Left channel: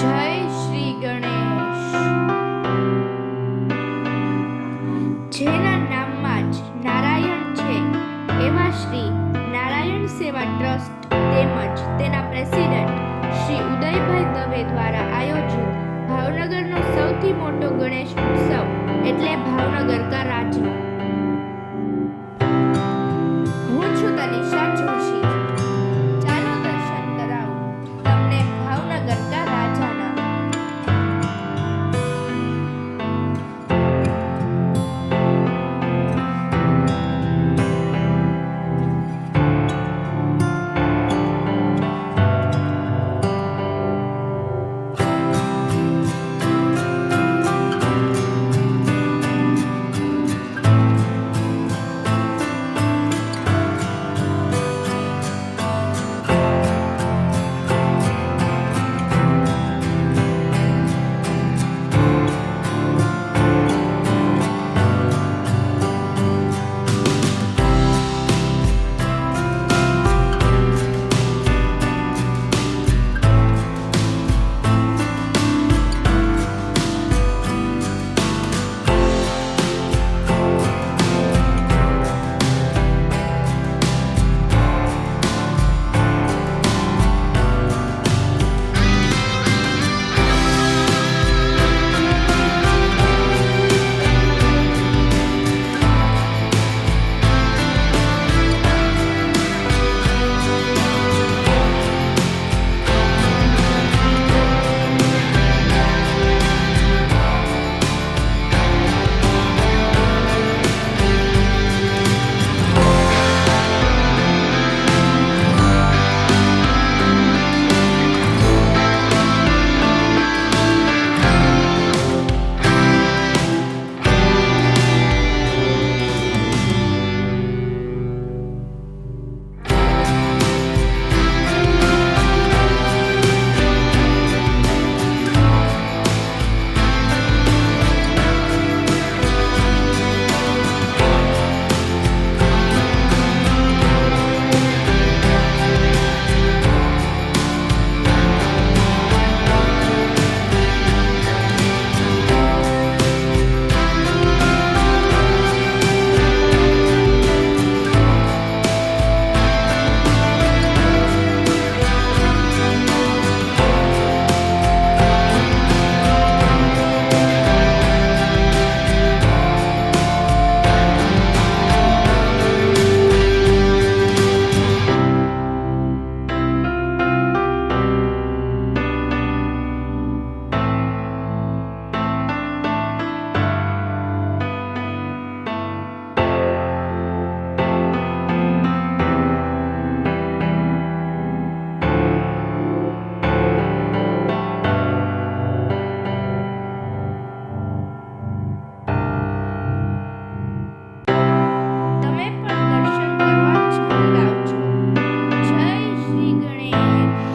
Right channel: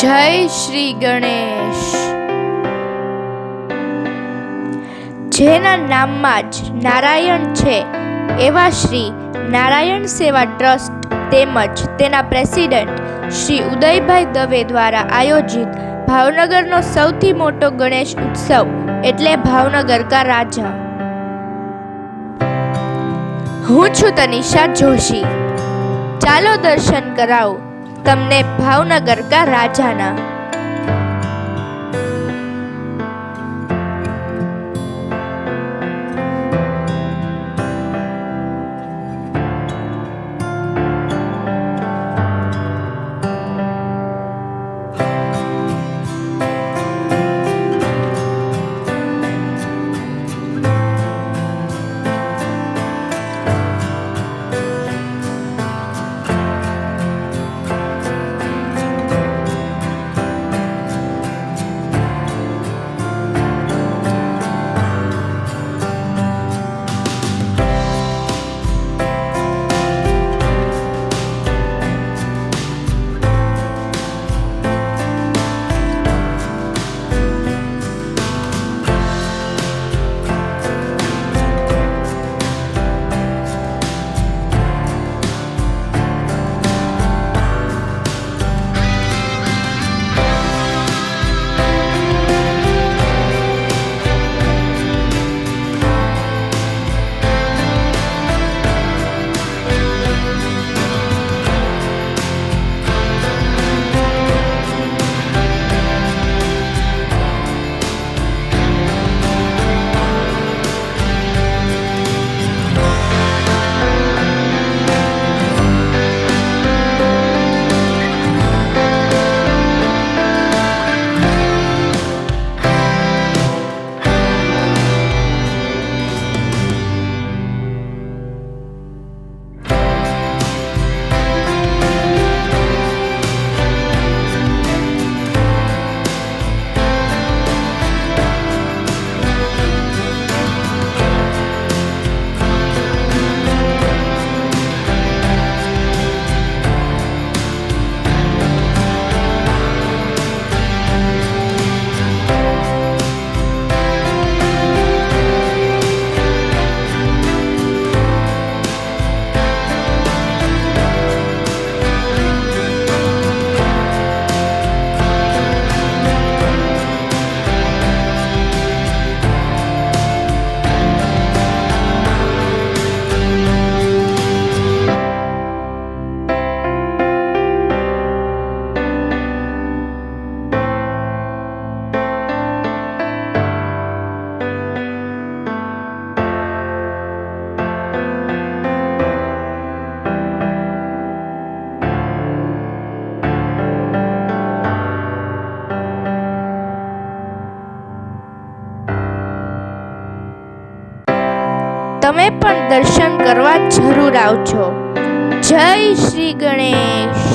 જય શ્રી ગણેશ. જેના નામમાં જ નારાયણ છે, એવા શ્રી નારાયણ સેવા ટ્રસ્ટ તેમજ તેના પ્રેસિડેન્ટ શ્રી ઉદયભાઈ દવે દ્વારા આયોજિત ભાવનગરનો સૌથી મોટો ગણેશ ઉત્સવ એટલે ભાવનગર કા રાજા. હું છું તનિષા જોશી. ચાલો દર્શન કરાવું. તમને ભાવનગર કા રાજાના. તમે પણ દર્શન કરવા જરૂર આવજો. જય શ્રી ગણેશ.